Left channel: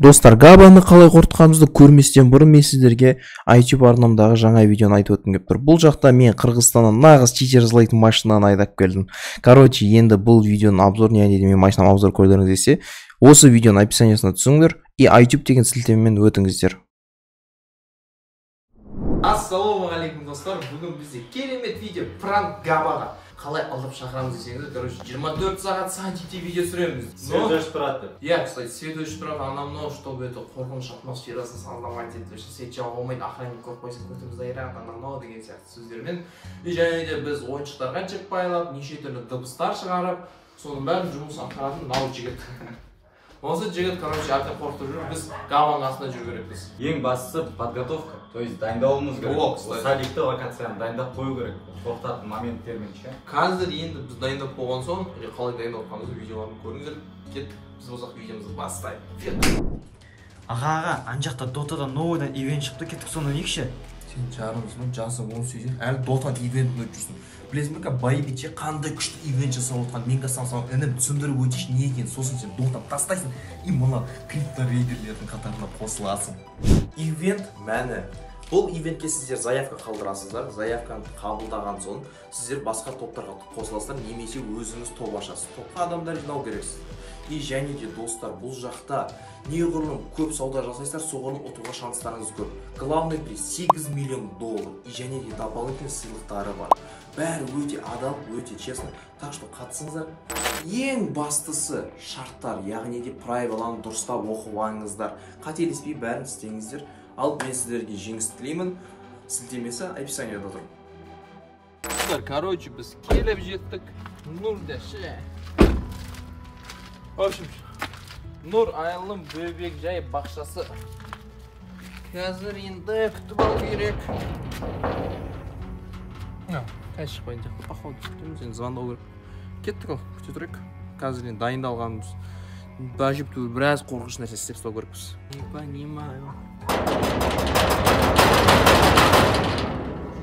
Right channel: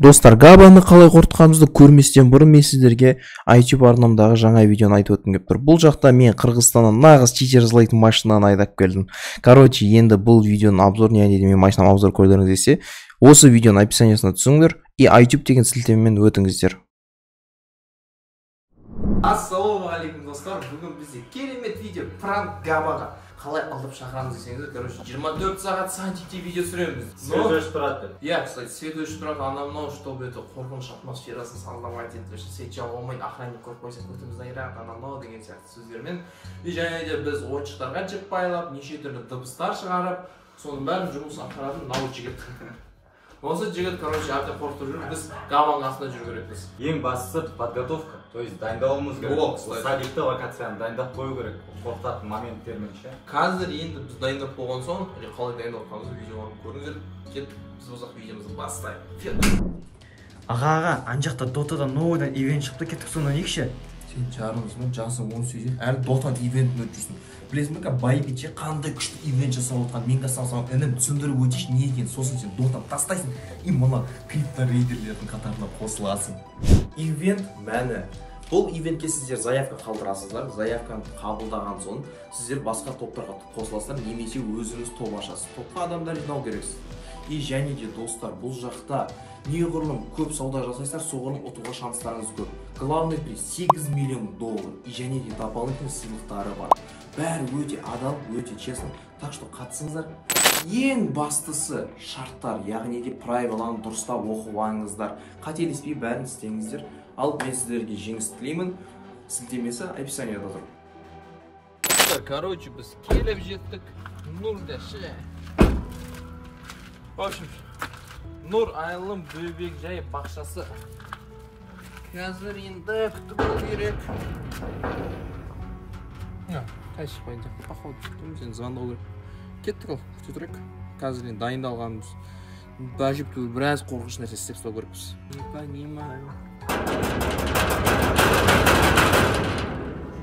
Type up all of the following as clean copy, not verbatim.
Достар, Габаны қалай қорытқанымызды көрместен бұрын мен сіздерге iTube арнамдағы жаңа видеоны айтып өткім келіп тұр. Бұл жақта мен Қырғызстаннан нағыз читер жылайтын машинаны айдап келдім. Короче, енді бұл видеоның обзорын, яғни мен машинам обзор көрдіңіз десе, осы видеоның описаниясына түсіңдер и iTube деген сілтемемен өтіңіздер. Ассалаумағалейкум достар, бүгін бізде керемет видео пранк Габаға қалай алдап шақырамыз десеңіздер, короче, 24 сағат сантикте видео түсіреміз. Свет өшіп тұрады. Я, кстати, свет өшіп тұрады, анау, чтобы это қорқыныш атмосферасын создавать етіп, свет жаға алмайды, охранник көріп қойса көтімізді айрақ, анау деген сияқты сөздермен. И және де біз ойыншықтарға жіп байлап, неше түрлі дыбыстар шығарып, соның бәрін жұмыс атқаратын мынау жігіт. Осы жігіт, короче, әбден қорқытып жүр, біз Габаның астында жүру керекпіз. Ең бастысы подготовка, то есть дайындалуымыз керек. Сәбитті локацияны дайындап қою керек, қорқытатын моменттермен ше. Қазір енді біз дайындап болған соң, қалай дайындап болғанымызды видеоларын көріңіздер. Кет, біз болсақ видеомызды бастайық. Аға, ана жақта Дотадан новыйдан ивент шықты, кеттік соны некші? Сен жарыңызбын, жасың 18, әлі Дотан ивентін өтіп жүрсің. Білесің бе, Байбиче қандай күшті ивент жасап отқан, мен саған інім түсіндіріп өтейші не екен, сосын сен Дотан тастайсың и мына криптор-рейдерлердің қатарына қосыласың. Ивент мәні. Бұл ивентке сіздер заявка қалдырасыздар, заявканы қабылдаған соң сіздер басқа топтарға қосыласыздар, немесе өзіңіз топ ашасыз. Топқа адамдар жинау керексіз. И және де достар, бұл жақта неғұрлым көп сауда жасайсыздар, соғұрлым ұтуға шанстарыңыз көп. Главный приз $8 миллион. И және де дополнительный сыйлықтары бар. Бәрі өте адал, өте честно. Так что қатысыңыздар. Ең бастысы шарттар, яғни де правиланы дұрыстап оқып алыңыздар. Қателеспей бәрін істеңіздер. Ал мен сіздерге жеңіс тілеймін. Сілтемесі описанияда тұр. Короче, біз келіп жеттік. Нұрда ше. В общем, Нұр айылым бөбек жай бақшасы. Қазір енді күтіп алу керек. Қай шықпайын жақты. Походу күттім, сен звондау керек. Кеттік ал, күте тұрайық. Қазір енді дайындалғанымыз. Бәжіпті біраз қорқыш нәрсе істеп ұстау керекпіз. Не понимаю.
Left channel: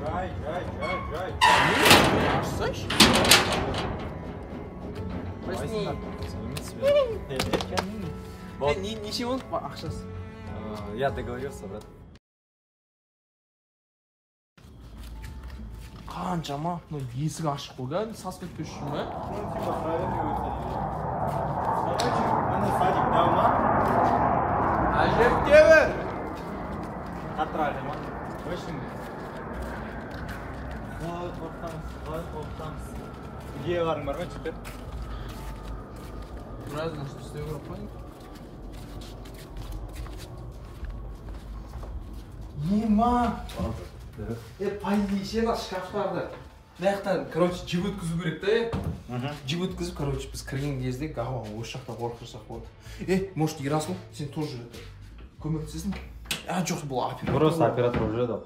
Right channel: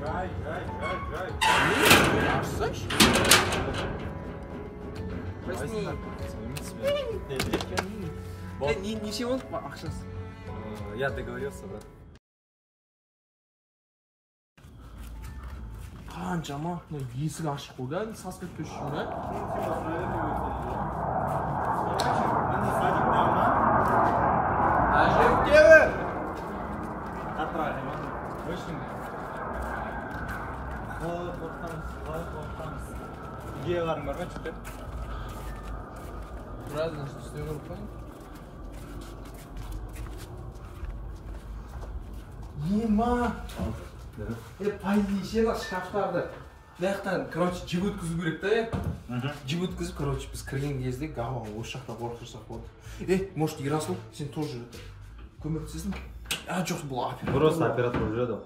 Жай. Ашсайш? Неше болды ақшасы? Я договорился, брат. Қаншама? Есік ашық қойған, саспет көшшім бе? Әжептебі! Қатырақ ема. Өшін. Қалай қорқытамыз. Идея барын бар ма, чүтір? Біраз нәрсе істеу керек қой. Ема! Пайдейшен шкафтарды. Мынаяқтан, короче, жіп өткізу керек та, жіп өткізіп, короче, біз кірген кезде Габаға осы жақта қорқытырсақ болады. Может, Ерасыл, сен тоже көмектесесің? Жоқ, бұл оператор. Просто оператор уже да.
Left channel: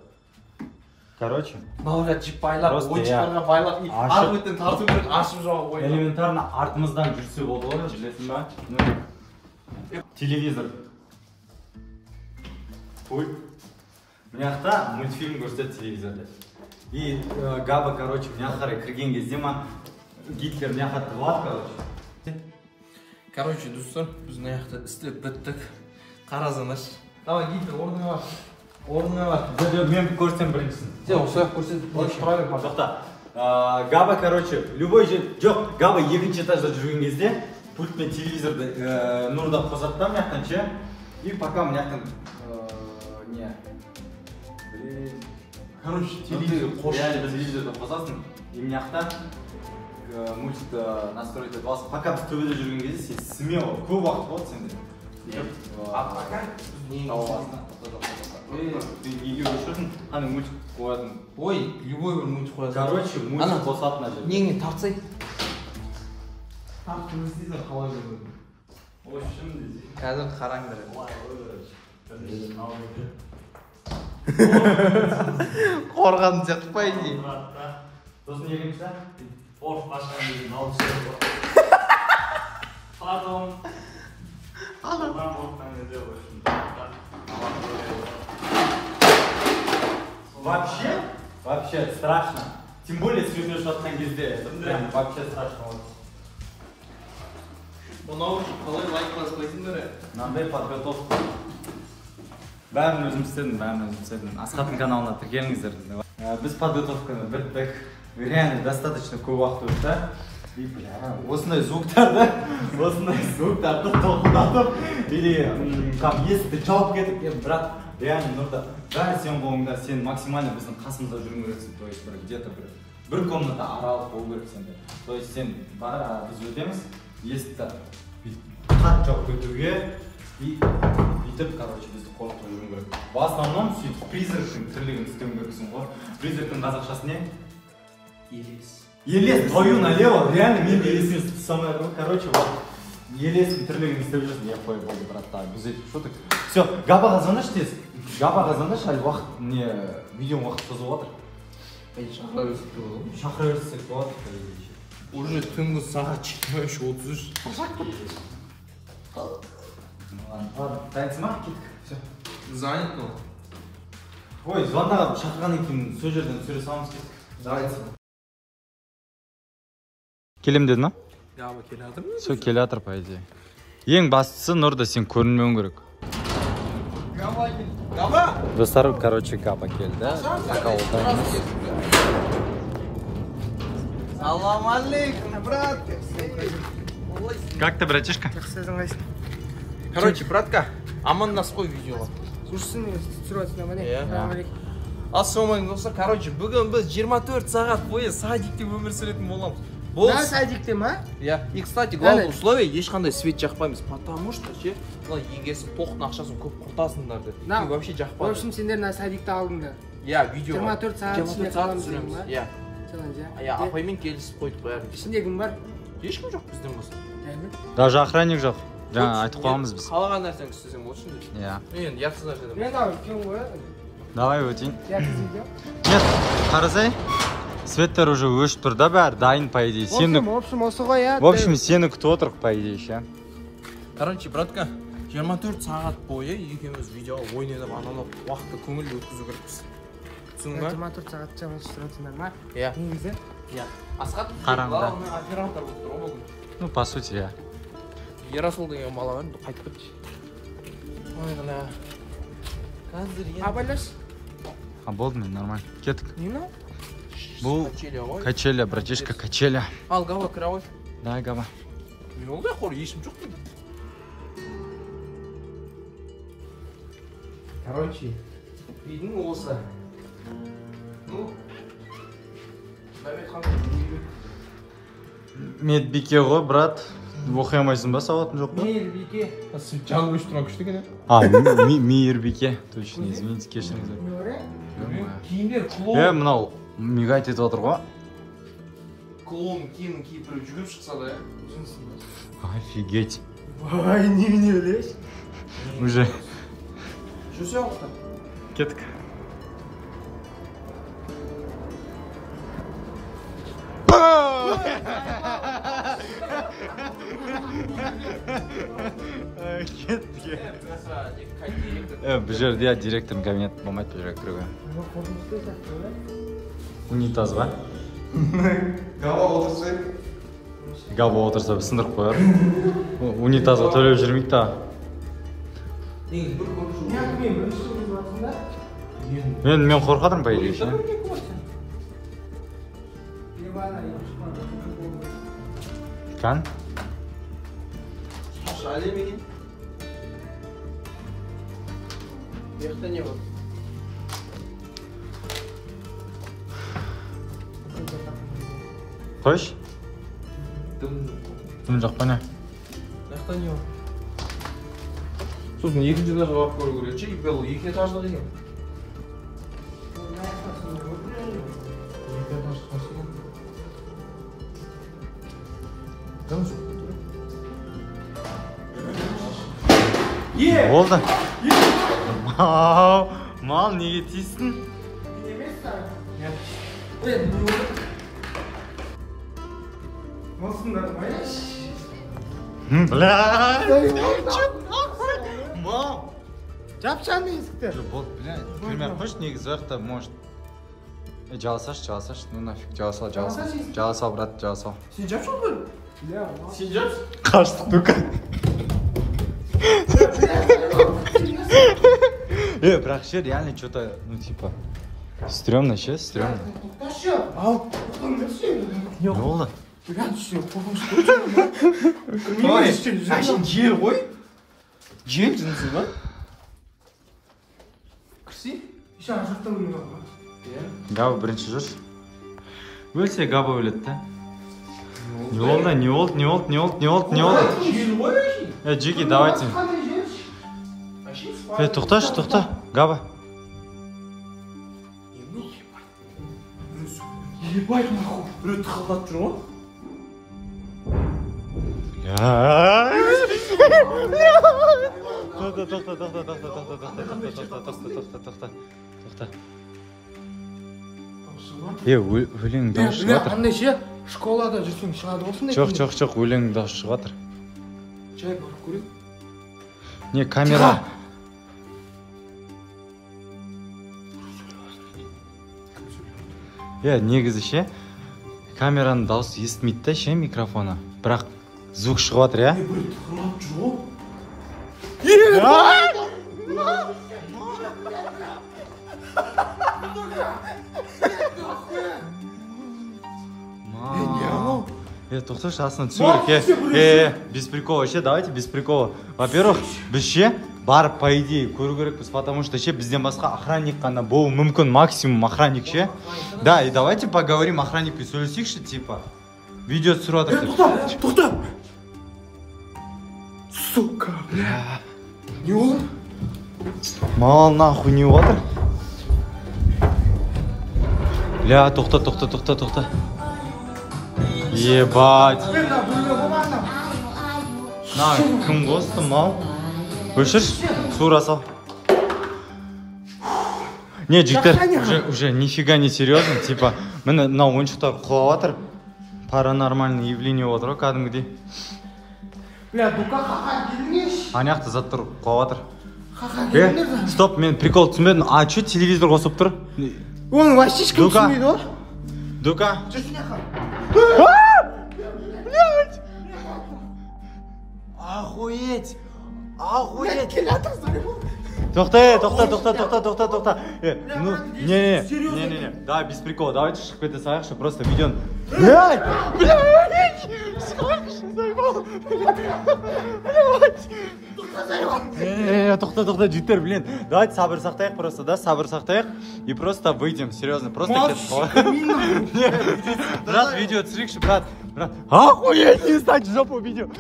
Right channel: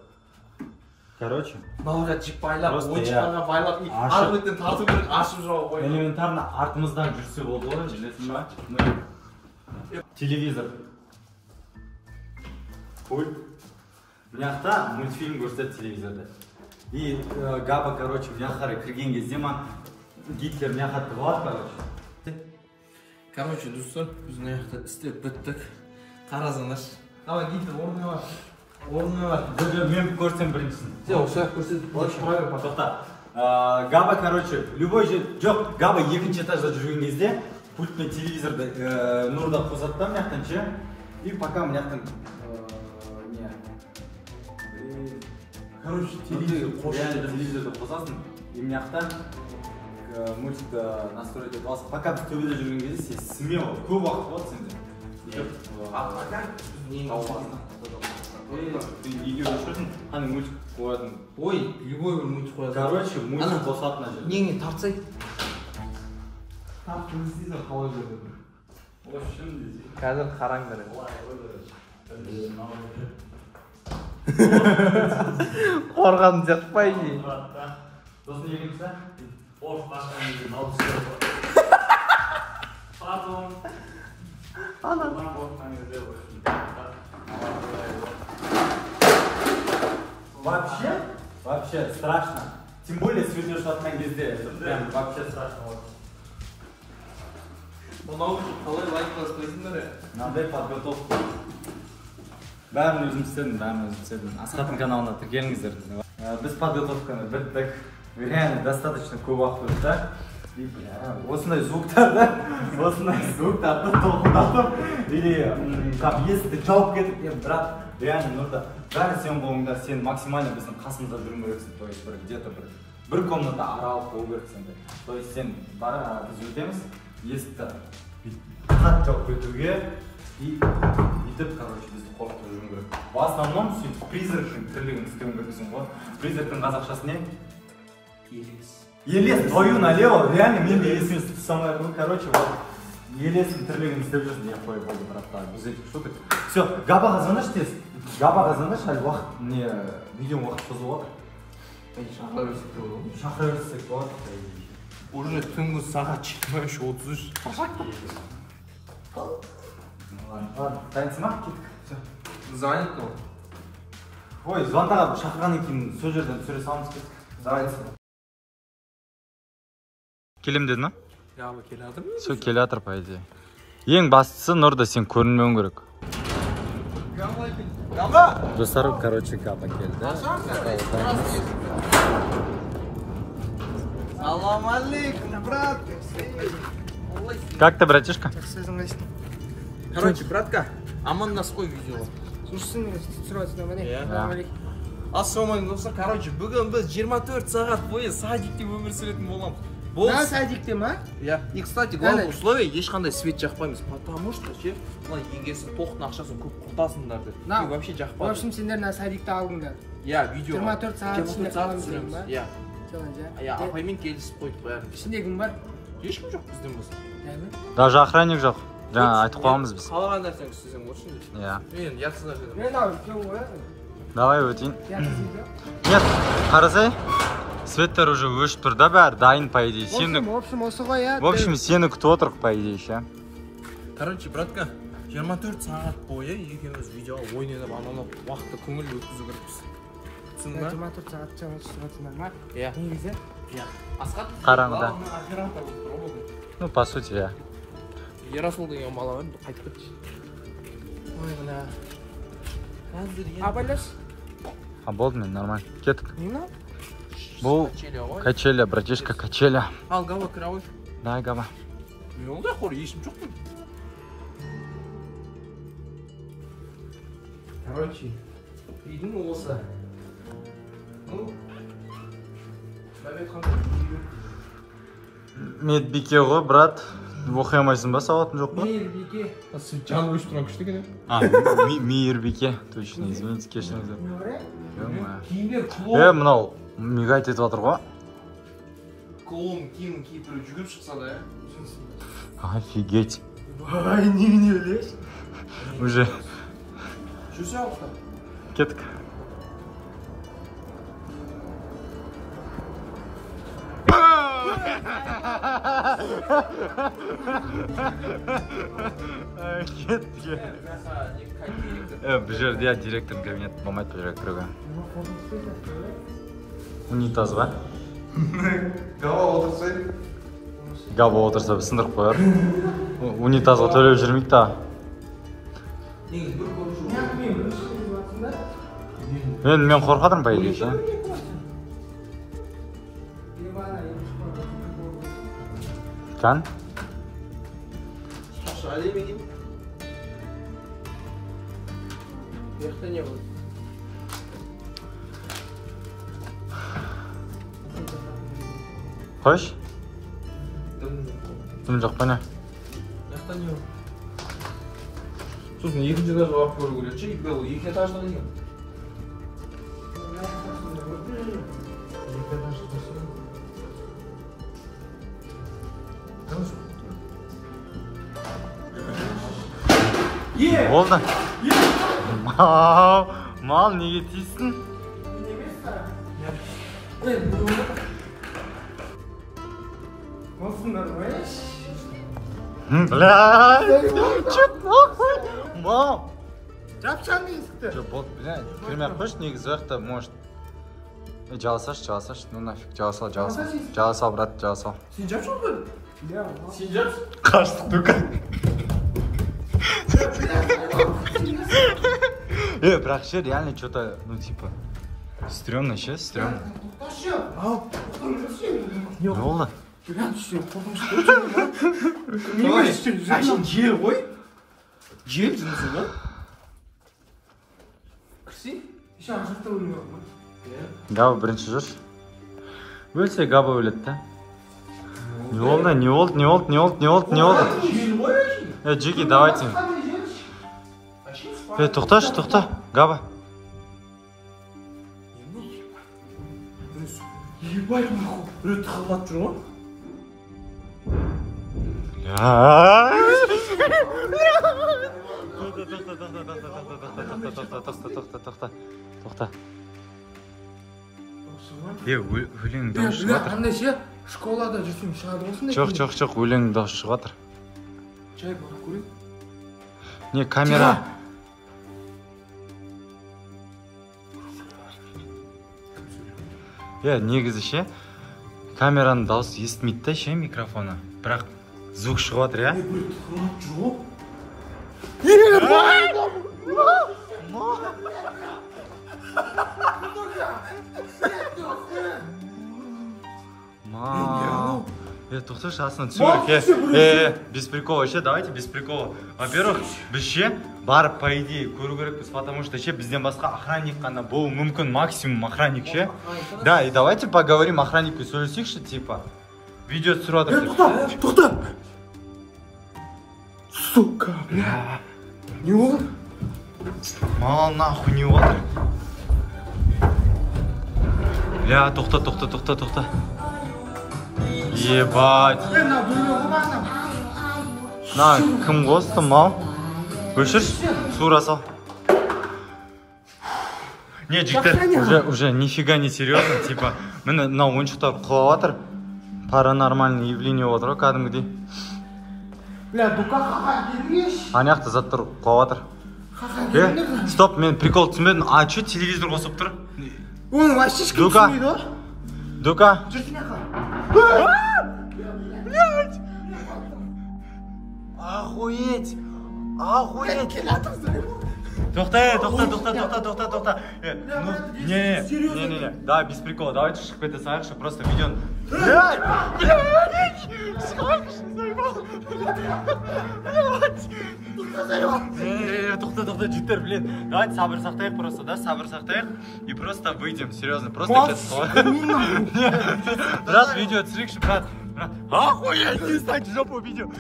Короче. Мыналарға жіп байлап, ойыншықтарға байлап, арметтен тарту керек, ашып жауа қойып. Элементарно артымыздан жүрсе болды ғой, білесің ба? Телевизор. Пульт. Мынаяқта мультфильм көрсетеді телевизорда. И Габа, короче, мына қарай кірген кезде ма Гитлер мына жақта тығылады, короче. Короче, достар, біз мына жақта істеп біттік. Қарасаңдаршы. Давай, Гитлер, орныңа бар. Орныңа бар. Мен көрсем біріншісін. Сен осы жақта көрсетіп, тұра бер, жоқта. Габа, короче, любой же... Жоқ, Габа екінші этажда жүрген кезде пультмен телевизорды Нұрда қосады да мына ше. И пока мына жақтан не... Короче, телевизорды қосасың. И мына жақтан мультикті настроить етіп аласың. Пока біз төбеде жүрген кезде сен смело, көп уақыт болады сенде. А пока не Неге өшірдің? Қандай мультик қоятын? Ой, любой бір мультик қоятын. Короче, мультик қосылатын әже. Неңе тартсай. Тарт көрсетейсің қалай көрсетің. Ой, шын дейсің. Қазір қараң береді. Қорғадың сияқты па ей? Сосын екінші? Орып қашқан деген алды сөз бар. Пардон. Алдан болған кезде Вообще страшно. Тем более свет өшіп жатқан кезде, это прям вообще страшно. Мынау қалай лайк баспайсыңдар? Мынандай подготовка. Бәрін өзім істедім. Асхаттың каналына тіркеліңіздер. Біз подготовканы біттік. Реально достаточно көп уақыт өтті. И осындай звуктарды толқындатып или там есікті жауып кетіп, брат, реально нұрда бәрі сен болыңда, сен максимально біздің қасымызда жүру керексің. То есть где-то бір комната аралық болу керексің. То есть сен біз өтеміз, есікті қатты жауып кетуге и бүйтіп, короче, бізді қорқытып жүру керек. В основном сөйтіп призрактың тірлігін істеуің керексің ғой. Призрактың қазақшасы не? Елес, твою налево, реально мен де есіміз самое, короче, вот елестің тірлігін істеп жүрсің, я қой болды, браттар, біз етіп шуток. Все, Габаға звоныш тез, әлі уақыт, не, видеоң уақыт созып отыр. Шақыра берсек те болады ғой. Шақыра берсек болады. Уже түнгі сағат 23:33. Ладно, дайынсың ма? Кеттік. Все. Занят ол. Ой, звондаған шақырғаннан кейін сол жерден түсіре саламыз кеттік. Занятсың. Келем дедің, а? Габа келе жатыр ма? Сол келе жатыр, по идее. Ең бастысы Нұрда сен көрінмеуің керек. Габа келді. Габа! Достар, короче, Габа келді. Салам алейкум, брат. Как ты, братишка? Короче, братка, аман нас қой видеоға. Слушай, түсіріп Иә. Ассалаумалейкум достар. Короче, бүгін біз 24 сағат бойы садикте өмір сүретін боламыз. На садикте ма? Иә. И, кстати, главное условие, ешқандай свет жақпаймыз. Потому что, ше, егер сен тоқтың ақшасын көп құртасыңдар деп. Вообще В жақпайды. общем, сендер на садикте алдыңдар. Иә, видеоға. 24 сағат ішінде қаламыз деймін ба? Иә. Иә, апаймен келісіп қойдық бәрін. Ішінде кім бар? Ешкім жоқ біздің болса. Даже охранник жоқ. Жаңа айтып қоямыз біз. Қалаған нәрсені істесең болсын деп. Иә. Енді ярсыз нәрседен. Мен ау, кем қоясың? Давай өтейін. Ярсыз видео? Нет, қарасай. Светтер уже өшіп тұр да бәрі, дайын, по идее. В общем, осы ғой, иә. В общем, сені күтіп отырық, по идее, ше. Короче, братка, 24 сағат бойы екеуміз видеоға ойнап, анау уақытты көңілді өткізу керекпіз. Түсіндің ба? 24 сағат жаңа түсіріп ма? Иә. Негізі? Иә. Асхат Қараңғыда. оператор болып тұр ғой бүгін. Ну, по сути, иә. Ерасыл деген бала бар, қайтып кетті. Ой, ғана. Қазір енді. Абайлаш? А болды мен, нормально. Кеттік. Не мынау? Бұл качеля, братишка, качеля. Ал, Габа, кіре қой. Дай, Габа. Не олда қор, ешім жоқ қой. Короче, үйдің осы. Ну, Медбике ғой, брат. Оқи алмайсың ба, сауатың жоқ па? Мейірбике. Сен жаны өшіп тұрған күшті екен, А, мейірбике. Точно, извините, кешіріңіздер. Киімдер клоун. Мынау мигайт етіп отыр ғой. Клоун киімін киіп біреу жүгіріп шықса да, Офигеть. Ай, немене өлеш? Уже. жүрсе алықтар. Кеттік. Кеттік. Бұл жерде директордың кабинеті болмайды, бұл жерге кіруге. Унитазға. Габа отырса біз сындырып қояр. Унитазға төлеп жүрмейді да. Мен қорқадым, по идее, ше. Кән? Әлем екен. Бияқта не болды? Қойш? Дым жоқ па не? Бияқта не болды? Сосын екінші этажға барып көру керек ше, ол екі этаждық екен. Болды. Мал, неге тиістің? Осындар байаш. Блядь. Мал. Жапшан есікті. Блядь, кірмей қойшы, негізі жақта, может. Жаласаш, ну нафиг, жала сал, брат, жала сал. Сен жап жоқ қой? Сен жатсың? Қаштық только. Бірақ ше, реально что-то, ну типа, стрёмно ше, стрёмно. Ау. Не болды? Сен жел ғой? Жел жынысы ба? Кірсей? Еще ар жақта өлең бар ма? Габа бірінші жүрші. Өлсе Габа өледі да. Не болды, не болды, не болды, не болды, не болды, не болды. Жел ғой әшейін? Джеки, давайте. Тоқташы, тоқта, Габа. Ебать, нахуй. Біреу тықылдап жүр ғой? Тоқта. Өлең дауыс шығып жатыр. Қандай ше? Школада жүрсең шығады осындай. Жоқ, өлең дауыс шығып жатыр. Жай барып көрейік. Не, камера. Негізі ше, камераның дауысы естімейді да ше микрофоны. Бірақ звук шығып жатыр, я? Біреу тықылдап жүр ғой? Тоқташы, астынан түсіндірік. Без прикола ше, давайте без прикола. Во-первых, біз ше, барып, по идее, көру керекпіз, потому что ше, бізден басқа охранник қана болу мүмкін, максимум охранник ше. Да, и давайте поговорим охранникпен сөйлесейікші, типа. Видео түсіріп жатыр. Тоқта! Сука, бля. Не болды? Мал нахуй не отыр. Бля, тоқта. Ебать. На, кім қосты, мал? Өшірші, суыра сал. Не, жиктер, уже нифига не серьезно, типа, мені на ойыншықтар құлап жатыр. Паранормальный явление отыр, кәдімгідей. Бля, дука қақан келіңеш. Аяқты заттар құлап жатыр. Қақан келіңдер. Стоп, мен прикол түсінбедім. А, че телевизор қосып тұр? Оны вообще ешкім түсінбейді ғой. Дука. Жүрсіне қал. Охуеть! Кел жатырсың. Тоқта. Не. Давай, без прикола. Давайте шығып кете салайықшы, просто видеоны. Тоқта, життер, блин. Давайте сабыр сақтайық просто, да? Сабыр сақтайық. И просто выйдем, серьезно. Просто брат, видео түсірейікші, брат. Охуеть, не ставьте жопу видео.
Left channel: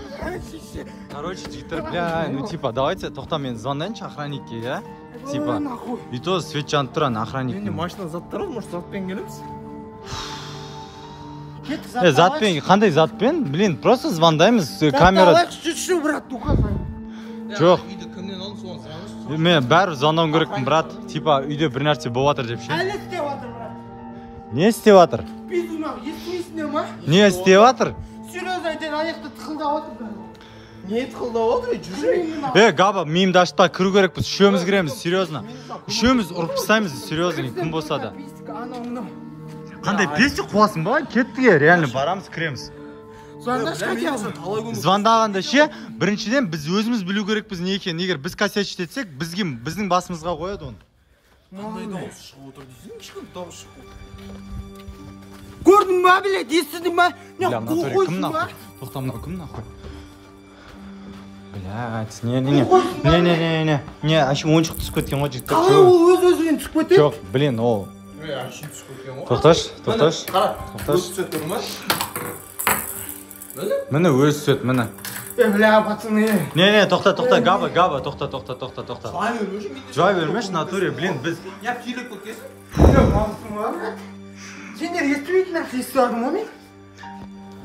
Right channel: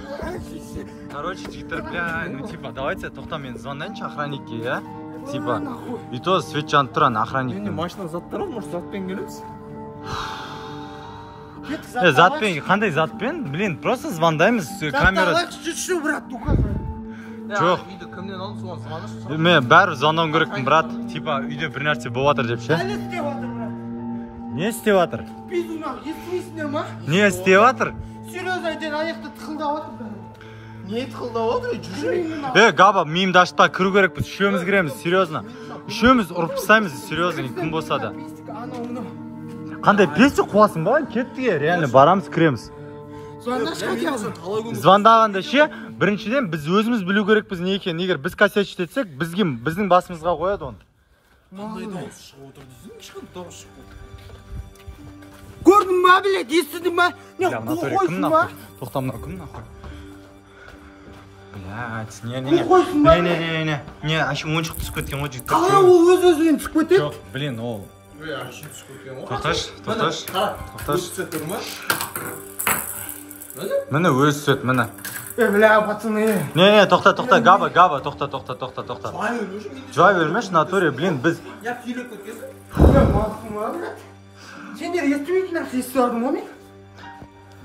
Короче, життер, бля, ну типа, давайте, тоқта, мен звондайыншы охранникке, я? Типа, и то свет жанып тұран охранник. Машина заттар ғой, может затпен келеміз? Затпен, қандай затпен? Блин, просто звондаймыз, камера... Жүрші, брат, дука. Жоқ. Үйді кімнен алып соған звоныш? Мен бәрі звондауым керекпін, брат. Типа, үйде бір нәрсе болып жатыр деп ше. Әлі істеп жатыр, брат. Не істеп жатыр? Пизуна, естімейсіңдер ма? Не істеп жатыр? Серьезно айтайын, аяқты тықылдап отыр. Не тықылдап отыр? Жүрші. Габа, миымды ашпа, кіру керекпіз, үшеуміз кіреміз, серьезно. Үшеуміз ұрып тастаймыз, серьезно, кім болса да. Қандай песік қуасың ба? Кетпе, реально барамыз, кіреміз. Звондағанда ше, біріншіден біз өзіміз білу керекпіз не екен. Егер біз косячить етсек, біздің басымызға қояды оны. Қандай дауыс шығып отыр дейсің? Ешқандай дауыс шығып отыр. Көрдің ба, блядь, естідің ба? Бля, в натуре кім нахуй? Тоқта, мынау кім нахуй? Блядь, не, ащы ойыншық түсіп кеткен ғой жігіттер. Қалай ол өз-өзінен түсіп кетеді? Жоқ, блин, ол. Әшейін түсіп кеткен ғой. Тоқташ. Қара, өз түсет көрдің ба? Міне өз түсет, міне. Бля, пацаны. Не, тоқта, Габа, тоқта. Жуай бермеш, натуре, блин, біз... Я килек көткесің? Сендер естімейтін нәрсе естіп алдың ғой мен?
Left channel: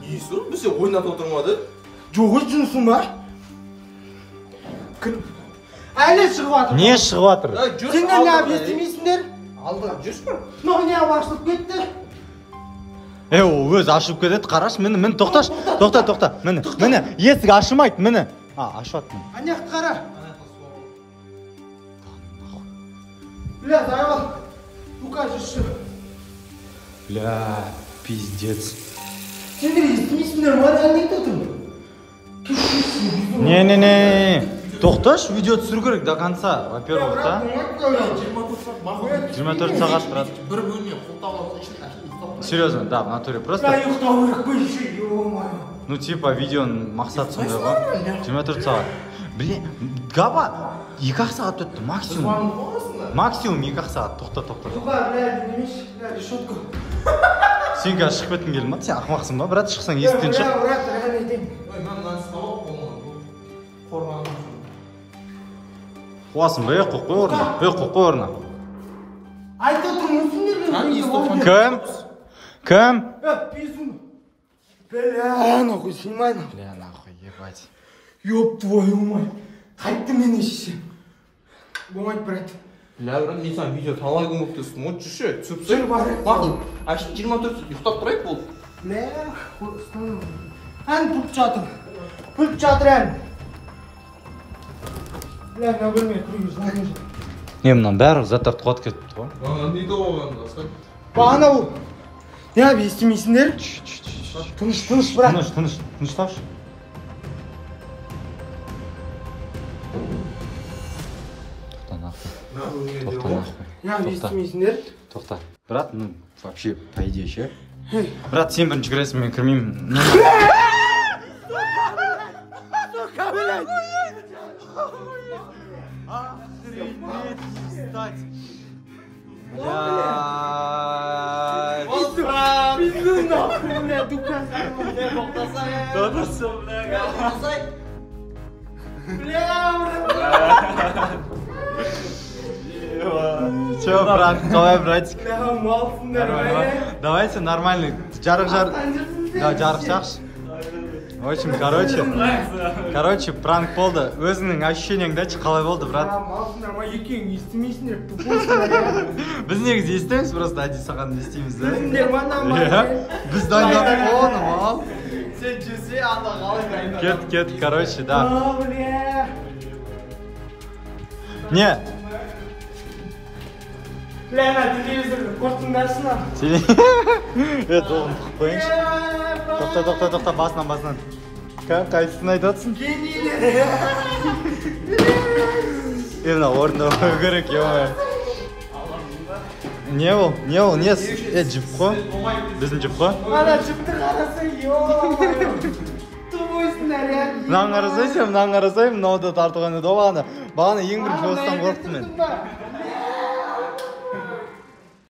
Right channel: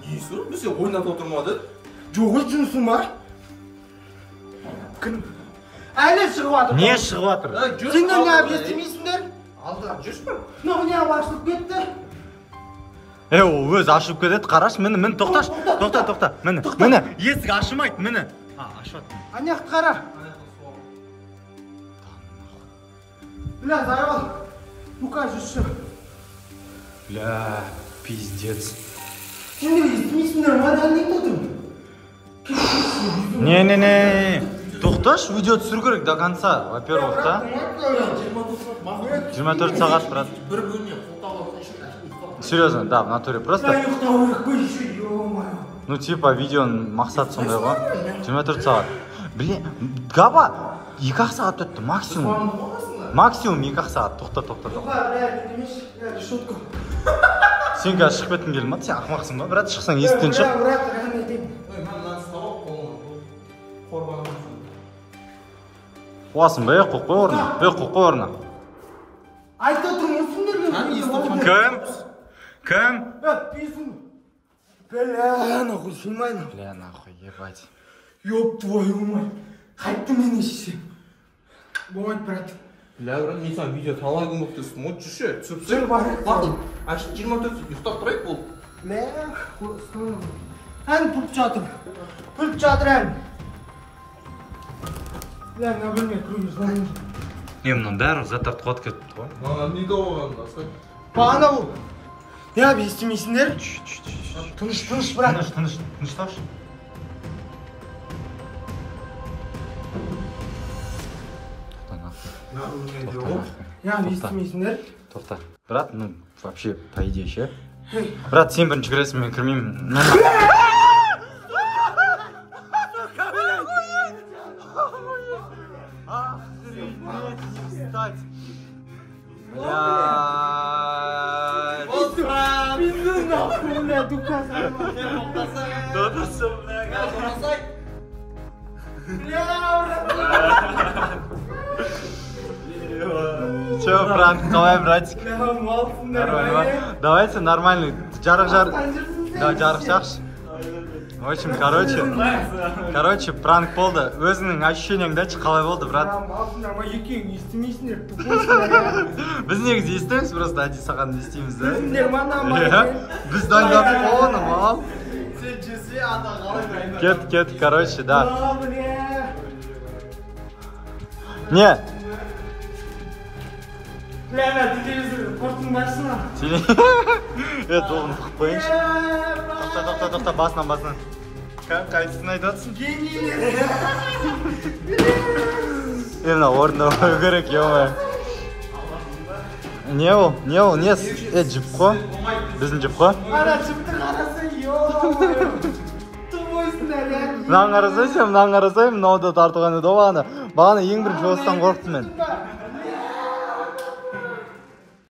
Не естіп? Бізде ойнатып отырмады? Жоқ, жұмысың ба? Әлі шығып жатыр. Не шығып жатыр? Сендер не ап естімейсіңдер? Алдыға жүрші ме? Мынау не ап ашылып кетті? Ол өз ашылып кетеді, қараш, міне, тоқташ, тоқта, міне, есік ашылмайды, міне. Ашып аттым. Аяқты қара. Бля, заебал. Дука жүрші. Бля, пиздец. Сендер естімейсіңдер ма не айтып отырмын? Не. Тоқташ, видео түсіру керек до конца. Во-первых, да? 24 сағат, брат. Бір бөлме қолтауы үшін ұйықтап. Серьезно, да, в натуре. Просто, Ұйықтау керек қой, еще, ё-моё. ну, типа, видеоның мақсаты сондай ғой. 24 сағат. Блин, Габа, 2 сағат өтті, максимум. Максимум 2 сағат. Тоқта. Жоға, демеші, решетку. Сен қазір шығып кеткің келді ма? Сен ақымақсың ба? Брат, шықсаң есіктен шық. Брат, рахмет етемін. Ой, мен мынаны салып қорғанымын. Қуасың ба, қоқ қой орнына. Айтып отырмын, сендер мен. Кім? Пизду. Бля, нахуй, снимай. Бля, нахуй, ебать. Ёб твою мать. Қайтты мен ешсе. Болмайды, брат. Бля, брат, мен саған видео талай күн болып тұрсың. Вот жүрші, түсіріп Жүр, бар. Бақыл, әшін 24 ұйықтап тұрайық болып. Бля, ән пұлт жатыр. Ән. Бля, мен білмей тұрмыз. Не, мынан бәрі заттарды қуат кетті ғой. Не доғаған, басқа? Бағана бұл. Не ап, естімейсіңдер? Тыныш, брат. Тыныш, тапшы. Тоқта нахуй. Не ап, естімейсіңдер? Тоқта. Брат, ну, вообще, по идее, ше. Брат, сен бірінші кіресің, мен кірмеймін. Пизду нахуй, бля, дукан. Все, брат, давай, братик. Нормально. Давайте нормальный. Жарық. Да, жарық жақшы. В общем, короче, пранк болды. Өзіңнің ощущениеңді айтшы, қалай болды, брат? Малсыңдар ма, екеуің естімейсіңдер, тупойсыңдар. Біз негізі естіміз, просто әдейі саған естейміз, да? Біліңдер ма, нормально. Біз дайындап оны, мал. Сен жүрсе, ана қалай дайындап. Кет, короче, да. О, бля. Не. Бля, на телевизорды қорытындырсын ма? Оғын тұқып қойыңыз. Тоқта, басынан. Қайсысын айтатсың? Гений. Мына орында қою керек, ё-моё. Не ол? Жіп қой? Біздің жіп қой? Ана жіпті қарасың, ё-моё. Тупойсыңдар, я. Мынаған қарасайшы, мынауды тартуған еді бағана ең бірінші осыдан қорықтым мен.